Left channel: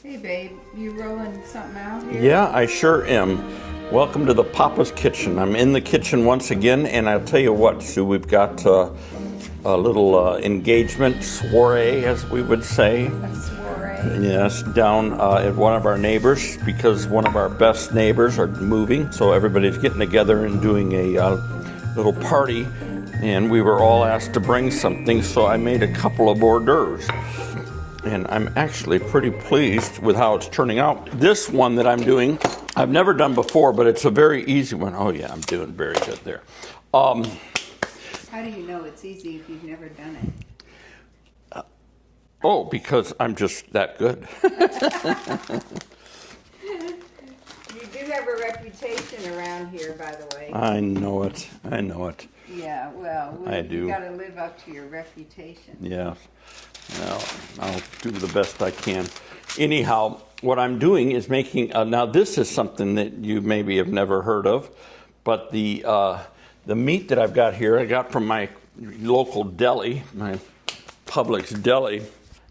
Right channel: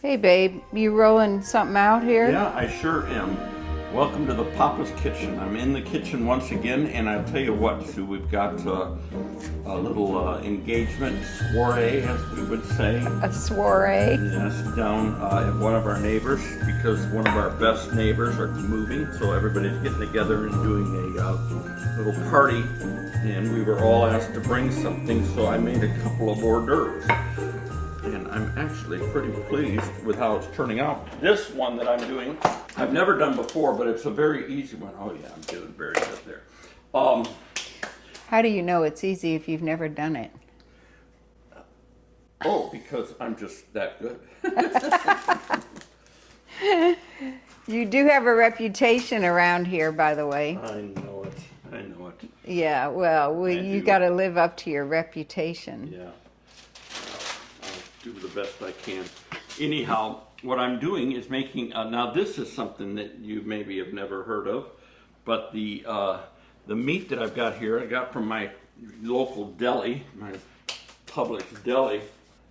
Hey babe, you rolling something out here? Yeah, I sure am. Welcome to the Papa's Kitchen. I'm in the kitchen once again, and I'll tell you what, Sue, we've got a little engagement soiree, as we would say. A soiree? Yes, down at one of our neighbors, because one of our best neighbors are moving, so everybody's getting together and doing a little party, and we were all asked to bring something, so I made a couple of hors d'oeuvres. And I'm actually pretty pleased with how it's turning out. This one that I'm doing, I've never done before, but it's a very easy one. Oh yeah, I'm doing very good there. How do you know it's easy if you've never done it? Because I'm just that good. You do have a reputation around here, by the way. I know it. I know it. Yeah, well, you got to live up to your reputation. Yeah. Well, I'll do the best I can. Anyhow, what I'm doing is making, now this is something that you maybe have never heard of, but the meat that I've got here, I got from my local deli, my Publix deli.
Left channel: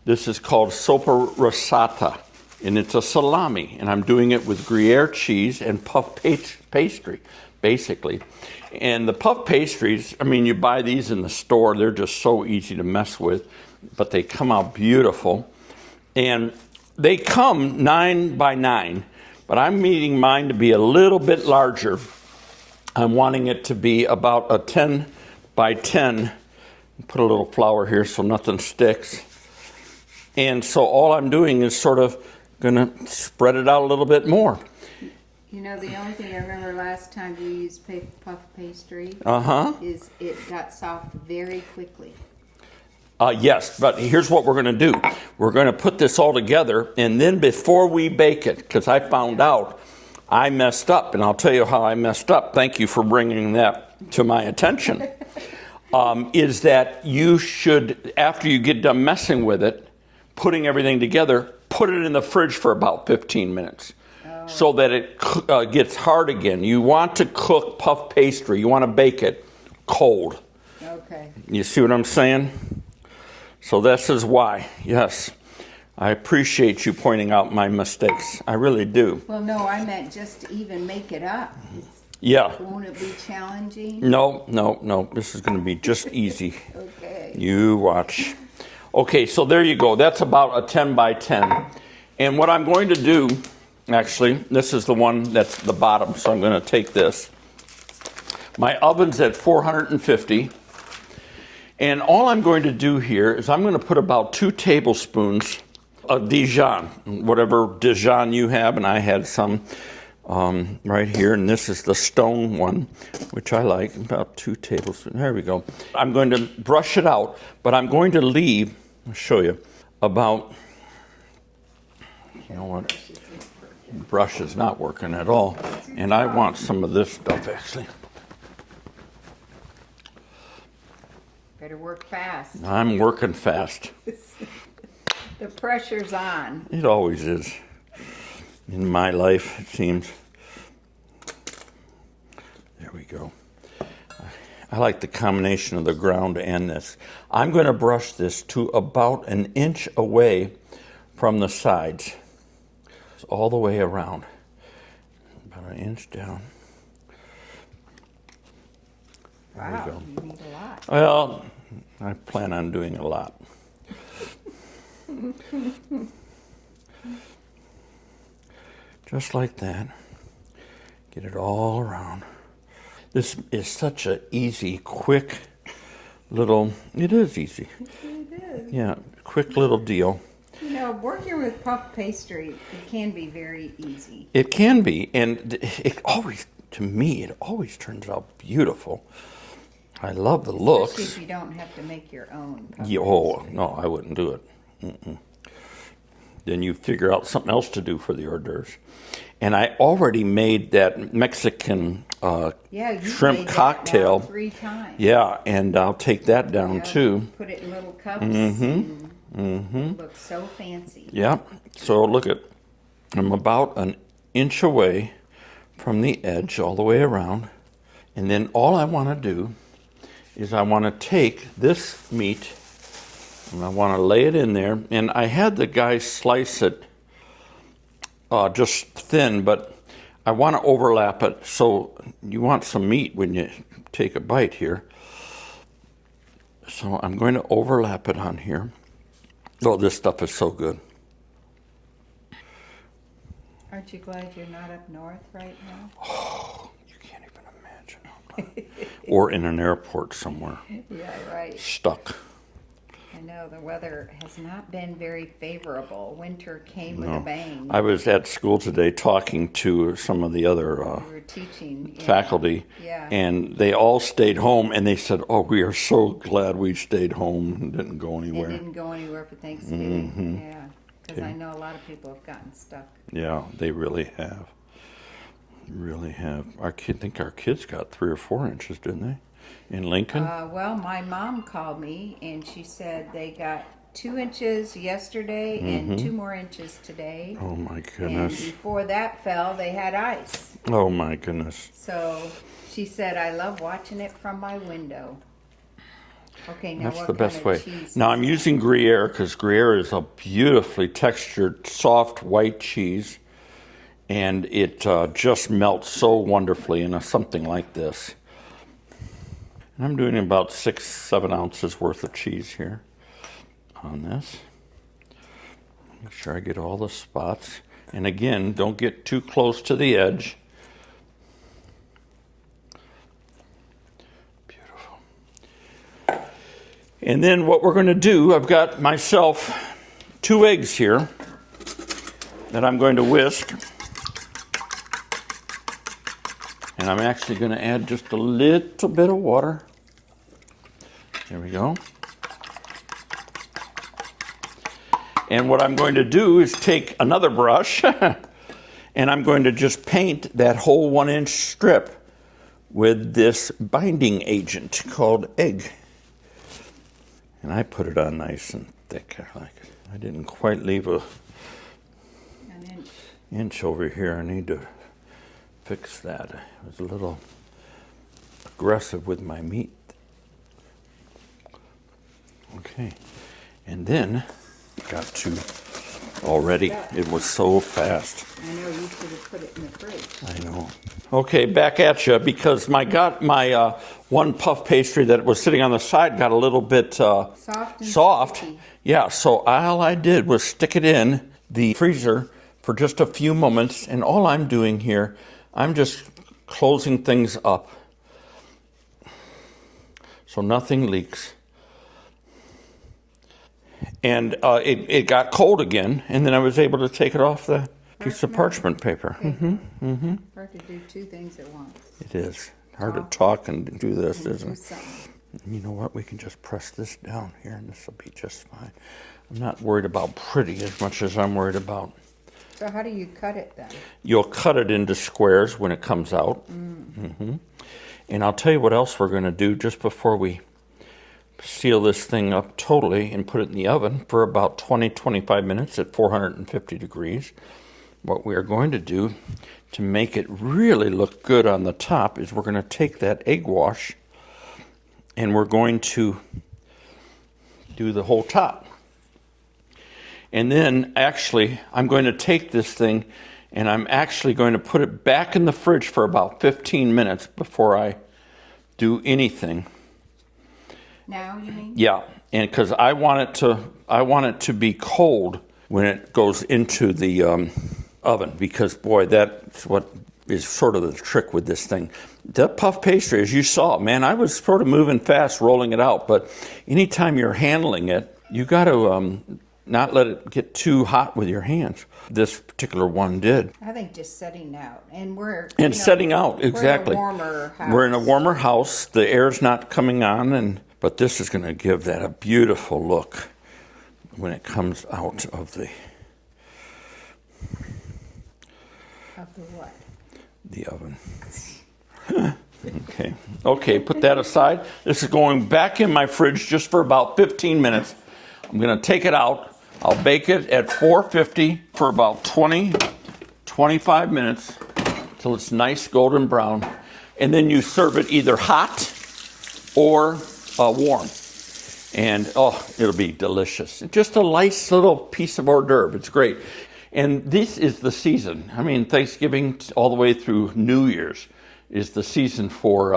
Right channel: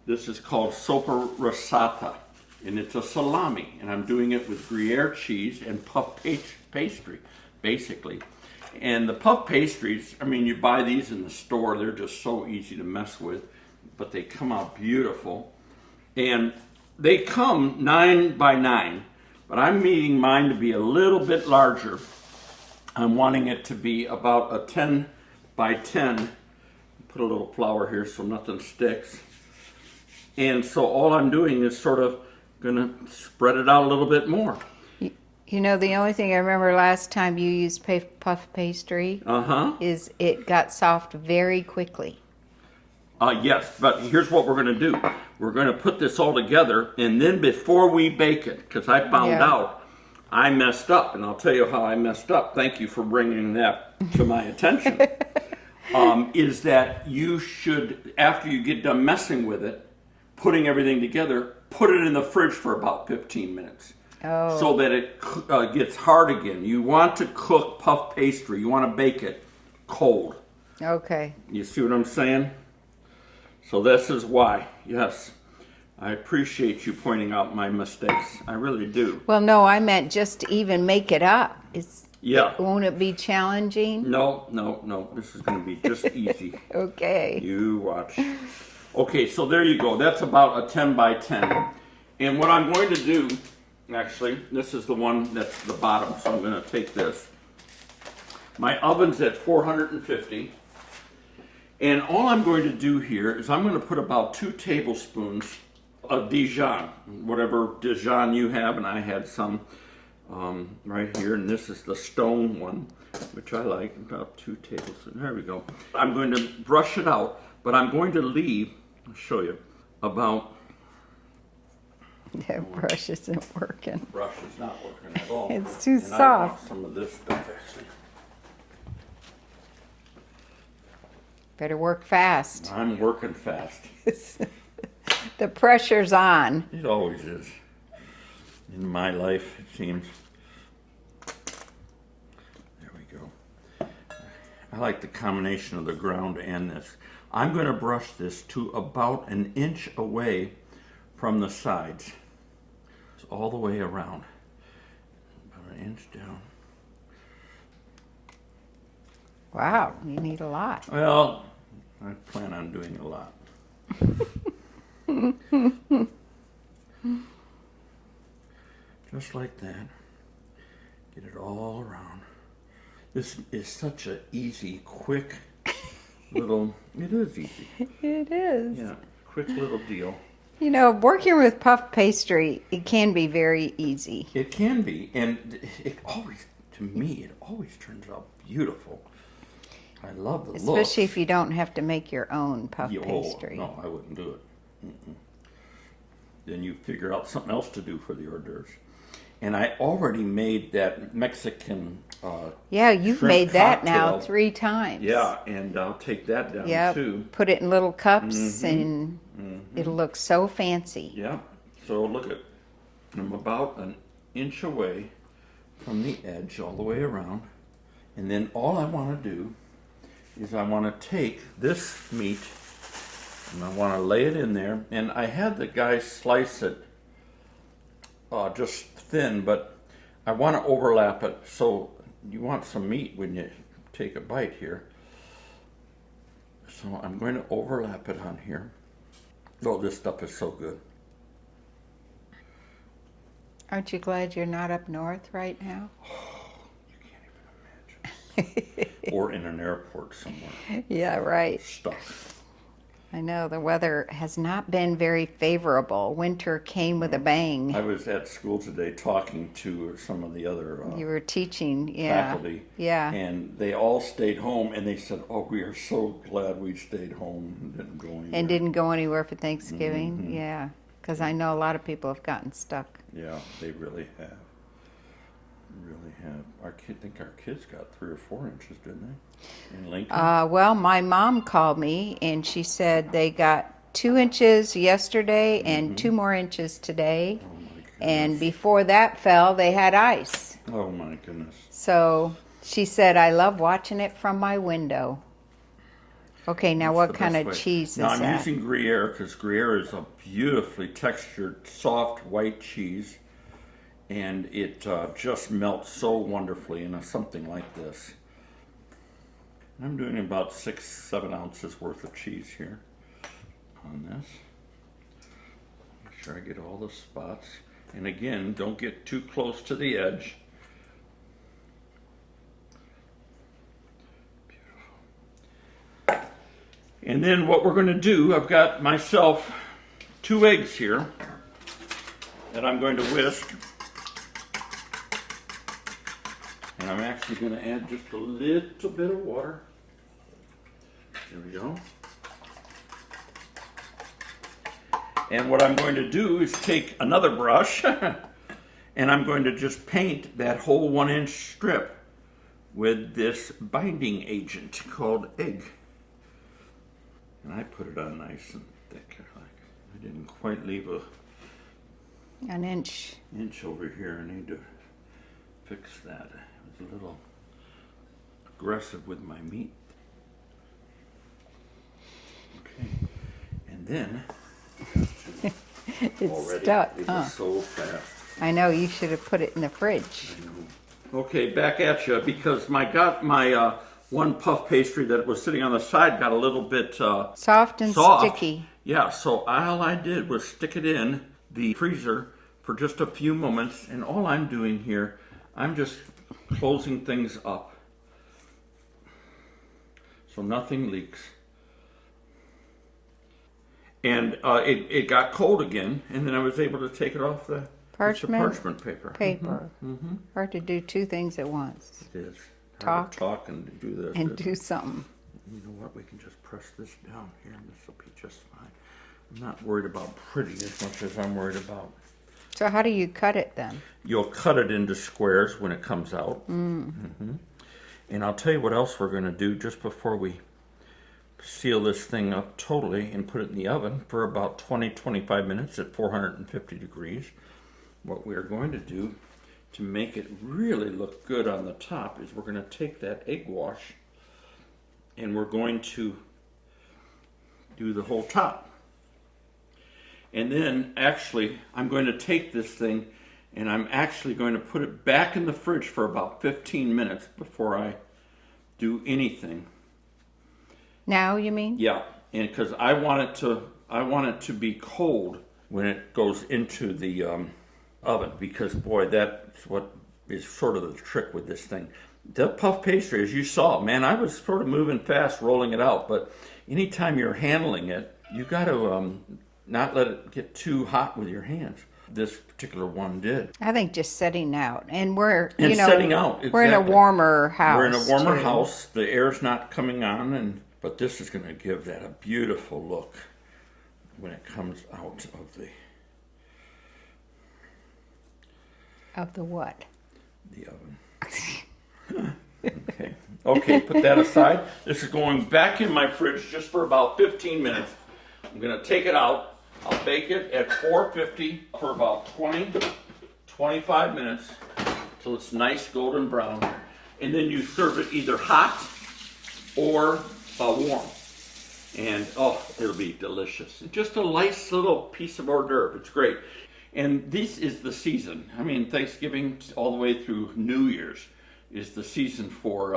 This is called soppa rosata, and it's a salami, and I'm doing it with Gruyere cheese and puff pastry, basically. And the puff pastries, I mean, you buy these in the store, they're just so easy to mess with, but they come out beautiful. And they come 9 by 9, but I'm needing mine to be a little bit larger. I'm wanting it to be about a 10 by 10. Put a little flour here so nothing sticks. And so all I'm doing is sort of gonna spread it out a little bit more. You know, the only thing I remember last time you used puff pastry is it got soft very quickly. Yes, but here's what we're going to do. We're going to put this all together, and then before we bake it, because I found out I messed up, and I'll tell you how I messed up. Thank you for bringing that to my attention. Is that you should, after you get done messing with it, putting everything together, put it in the fridge for about 15 minutes. So that it gets hard again. You want to cook puff pastry. You want to bake it cold. Okay. You see what I'm saying? So this is why, yes, I appreciate you pointing out my mistakes. I really do. Well, no, I meant just to even make it up. Won't it be challenging? No. This is going to be just easy. Okay. You watch. Okay, so there you go. That's about a 10 by 10. And what I'm going to do, actually, this is the one that's the bottom, so I'm going to take this. My oven's at 450. And all I'm going to do here is I'm going to put about 2 tablespoons of Dijon, whatever Dijon you have, and I had some right here, and this is the stone one, which I like, about 2 tablespoons. There we go. I'm going to brush it out, but I'm going to leave, I'll show you, about... Yeah, brush isn't working. Brush is not working at all. It's too and soft. I want some of this stuff, actually. Better work fast. I'm working fast. The pressure's on. It always is. In my life, it seems. There we go. I like the combination of the ground and this. I'm going to brush this to about 1 inch away from the sides. All the way around. About 1 inch down. Wow, you need a lot. Well, I plan on doing a lot. Just like that. Get it all around. This is such an easy, quick little, it is easy. It is. Yeah, quick little deal. You know, working with puff pastry, it can be very easy. It can be, and it always, to me, it always turns out beautiful. I love the looks. Especially if you don't have to make your own puff pastry. Oh, no, I wouldn't do it. Then you figure out something else to do for the hors d'oeuvres. And I already made that Mexican yeah, you've shrimp made cocktail. that now 3 times. Yeah, and I'll take that down too. Put it in little cups and it'll look so fancy. Yeah, so look at, I'm about 1 inch away from the edge all the way around. And then all I want to do is I want to take this meat and I want to lay it in there. And I had the guy slice it just thin, but I want to overlap it. So you want some meat when you take a bite here. So I'm going to overlap it on here. Oh, this stuff is so good. Aren't you glad you're not up north right now? Oh, you can't even imagine. Or in an airport somewhere. Yeah, right. Stuck. I know the weather has not been very favorable. Winter came with a bang. I was at school today talking to some of the other You were teaching, yeah. faculty, Yeah. and they all stayed home, and they said, "Oh, we are so glad we stayed home and didn't go anywhere." And didn't go anywhere for Thanksgiving, yeah. Because I know a lot of people have gotten stuck. Yeah, they really have. Really have. I think our kids got 3 or 4 inches, didn't they? In Lincoln? Well, my mom called me and she said they got 2 inches yesterday and 2 more inches today. Oh my goodness. And before that fell, they had ice. Oh my goodness. So she said, I love watching it from my window. Okay, now That's what the kind best of way. cheese is Now I'm that? using Gruyere because Gruyere is a beautifully textured, soft white cheese, and it just melts so wonderfully in something like this. And I'm doing about 6-7 ounces worth of cheese here on this. Make sure I get all the spots. And again, don't get too close to the edge. Beautiful. And then what we're going to do, I've got myself 2 eggs here that I'm going to whisk. And I'm actually going to add just a little bit of water. There we go. And what I'm going to do is take another brush and I'm going to just paint that whole 1-inch strip with this binding agent called egg. And I put it on nice and thick. I didn't quite leave An inch. inch over here. I need to fix that. I was a little aggressive with my meat. Okay, and then got to already. stuck, It was so fast. I know, you should have put it in the fridge. I know. Okay, back at you because my one puff pastry that was sitting on the side got a little bit Soft and soft. sticky. Yeah, so all I did was stick it in the freezer for just a few moments, and all I'm doing here, I'm just closing things up so nothing leaks. And it got cold again, and then I was able to take it off the piece of parchment paper. Hard to do 2 things at once. It is. Hard to talk and do this, And isn't do it? something. You know what? We can just press this down here, and this will be just fine. I'm not worried about pretty as much as I'm worried about. So how do you cut it then? You'll cut it into squares when it comes out. And I'll tell you what else we're going to do just before we seal this thing up totally and put it in the oven for about 20-25 minutes at 450 degrees. What we are going to do to make it really look good on the top is we're going to take that egg wash and we're going to do the whole top. And then actually I'm going to take this thing and I'm actually going to put it back in the fridge for about 15 minutes before I do anything. Now, you mean? Yeah, and because I want it to be cold when it goes into the oven, because boy, that's what is sort of the trick with this thing. That puff pastry, as you saw, man, I was sort of moving fast rolling it out, but anytime you're handling it, you got to not let it get too hot with your hands. This particular one did. I think just setting out. And we're, Setting out, exactly. We're in a warmer house. We're in a warmer too. house. The air's not coming on, but this is going to give that a beautiful look when it comes out of the... Of the what? The oven. Okay, put that aside. This is going back in my fridge just for about 15 minutes. I'm going to take it out. I'll bake it at 450 for about 20-25 minutes till it's nice golden brown. And then you serve it either hot or warm. And it'll be delicious. Just a nice little piece of hors d'oeuvre. It's great. And this is the season. I mean, Thanksgiving all the way through New Year's is the season for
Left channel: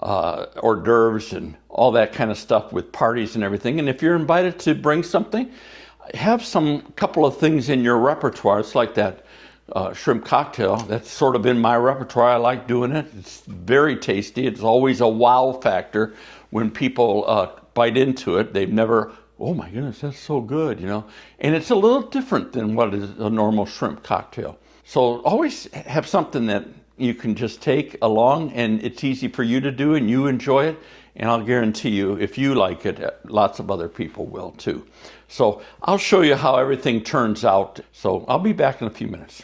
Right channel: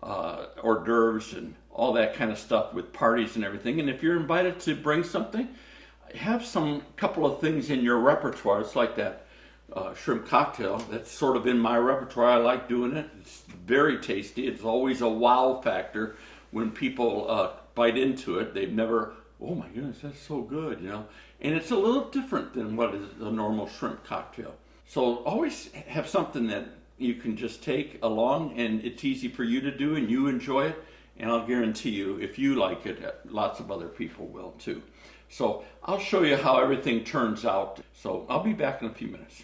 hors d'oeuvres and all that kind of stuff with parties and everything. And if you're invited to bring something, have some couple of things in your repertoire. It's like that shrimp cocktail. That's sort of in my repertoire. I like doing it. It's very tasty. It's always a wow factor when people bite into it. They've never, oh my goodness, that's so good, you know. And it's a little different than what is a normal shrimp cocktail. So always have something that you can just take along and it's easy for you to do and you enjoy it. And I'll guarantee you, if you like it, lots of other people will too. So I'll show you how everything turns out. So I'll be back in a few minutes.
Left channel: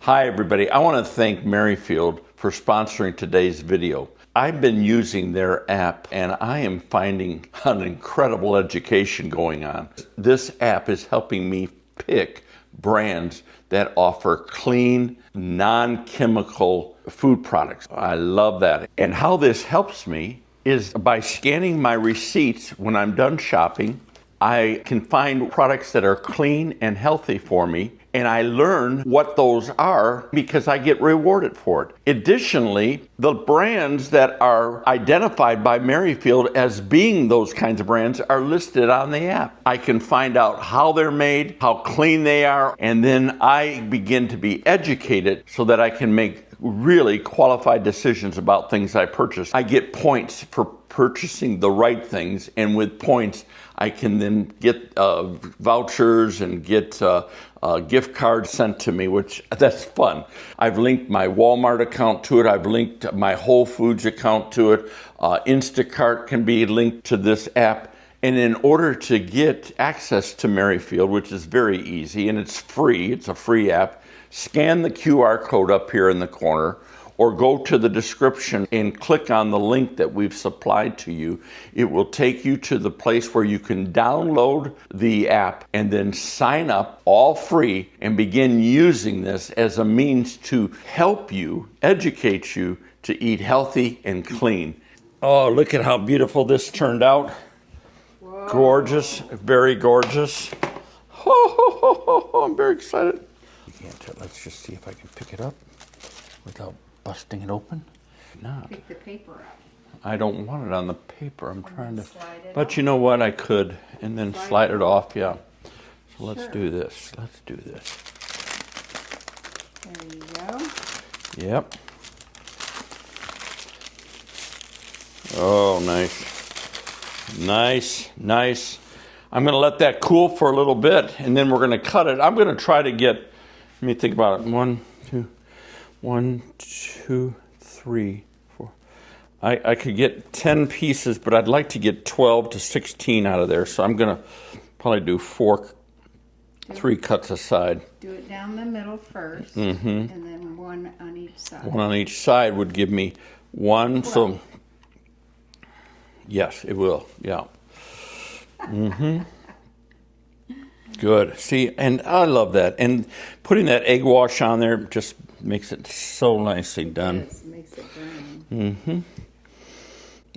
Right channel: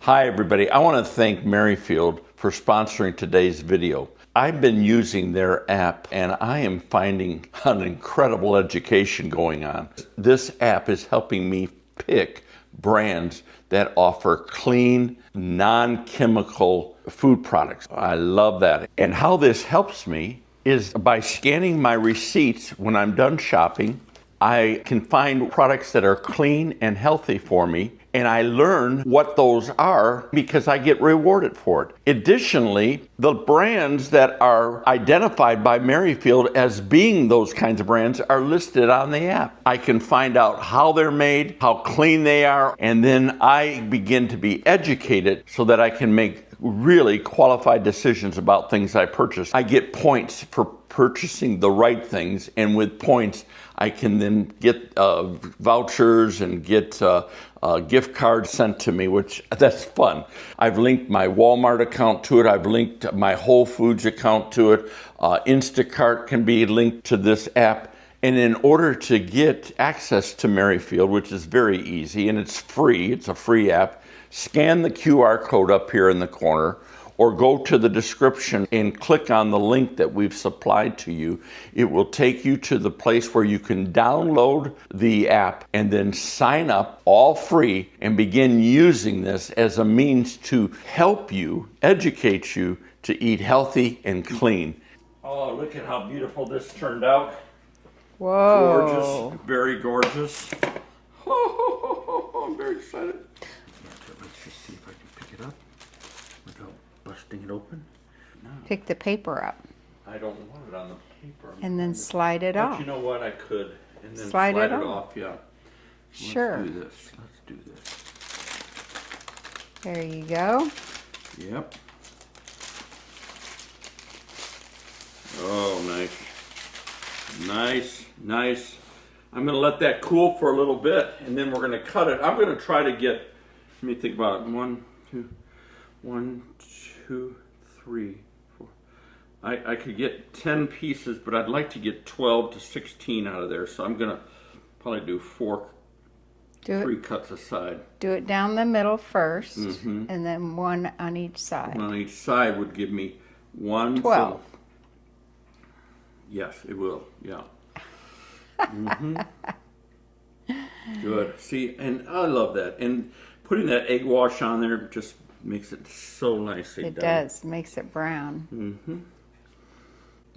Hi everybody, I want to thank Merrifield for sponsoring today's video. I've been using their app and I am finding an incredible education going on. This app is helping me pick brands that offer clean, non-chemical food products. I love that. And how this helps me is by scanning my receipts when I'm done shopping. I can find products that are clean and healthy for me, and I learn what those are because I get rewarded for it. Additionally, the brands that are identified by Merrifield as being those kinds of brands are listed on the app. I can find out how they're made, how clean they are, and then I begin to be educated so that I can make really qualified decisions about things I purchase. I get points for purchasing the right things, and with points I can then get vouchers and get gift cards sent to me, which that's fun. I've linked my Walmart account to it. I've linked my Whole Foods account to it. Instacart can be linked to this app. And in order to get access to Merrifield, which is very easy and it's free, it's a free app, scan the QR code up here in the corner or go to the description and click on the link that we've supplied to you. It will take you to the place where you can download the app and then sign up all free and begin using this as a means to help you, educate you to eat healthy and clean. Oh, look at how beautiful this turned out. Whoa. Gorgeous, very gorgeous. I'm very excited. Let's just see if I can pick it up without busting it open. No. Pick the paper up. I don't want it on the paper. And then slide it off. But you know what? I could. And then slide it off, yeah. So let's do this. Let's do this. There you go. Yep. Oh, nice. Nice, nice. I'm going to let that cool for a little bit, and then we're going to cut it. I'm going to try to get, let me think about it. 1, 2, 3, 4. I could get 10 pieces, but I'd like to get 12 to 16 out of there. So I'm going to probably do 3 cuts aside. Do it down the middle first, and then 1 on each side. 1 on each side would give me 1. 12. So yes, it will. Yeah. Good. See, and I love that. And putting that egg wash on there just makes it so nicely done. It does. Makes it brown.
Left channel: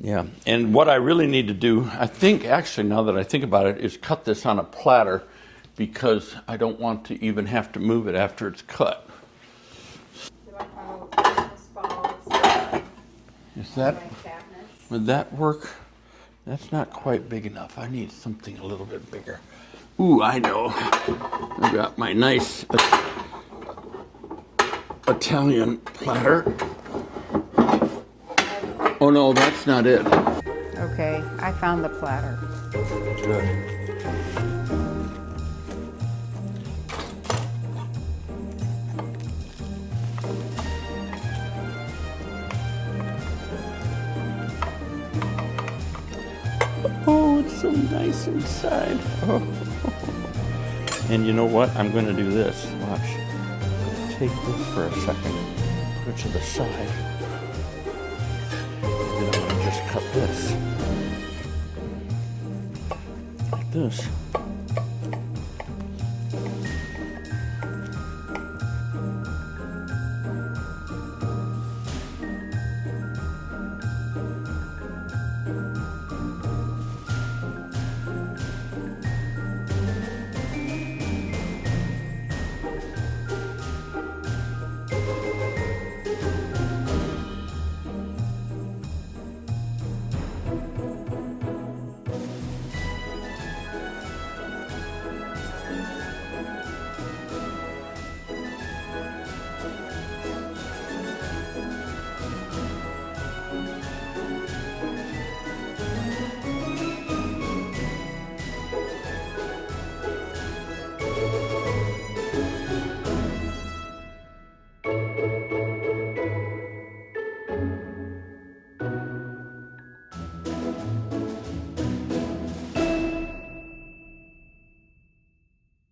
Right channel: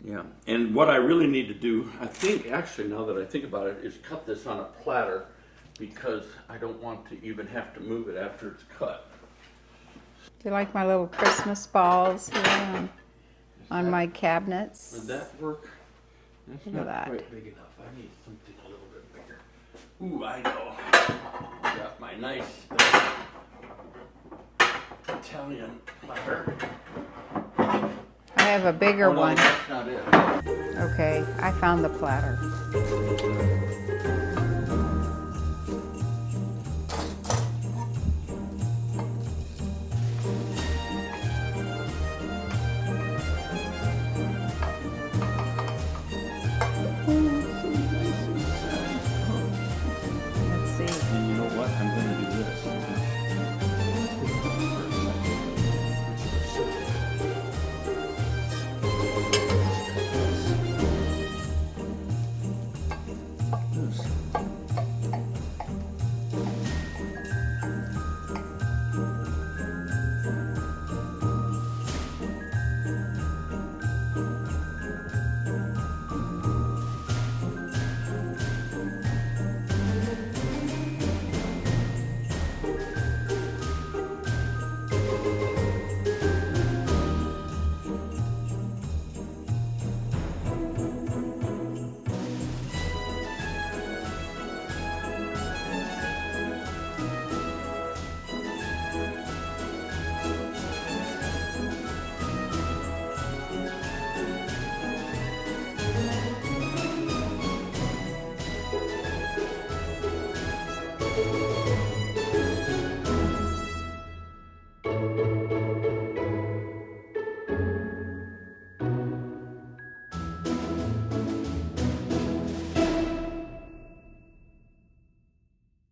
Yeah. And what I really need to do, I think, actually, now that I think about it, is cut this on a platter because I don't want to even have to move it after it's cut. Do you like my little Christmas balls on my cabinets? Would that work? That's not quite big enough. I need something a little bit bigger. Ooh, I know. I got my nice Italian platter. I have a bigger one. Oh no, one. that's not it. Okay, I found the platter. Good. Inside. Oh. And you know what? I'm going to do this. Watch. Take this for a second. Go to the side. And I'm going to just cut this. Like this.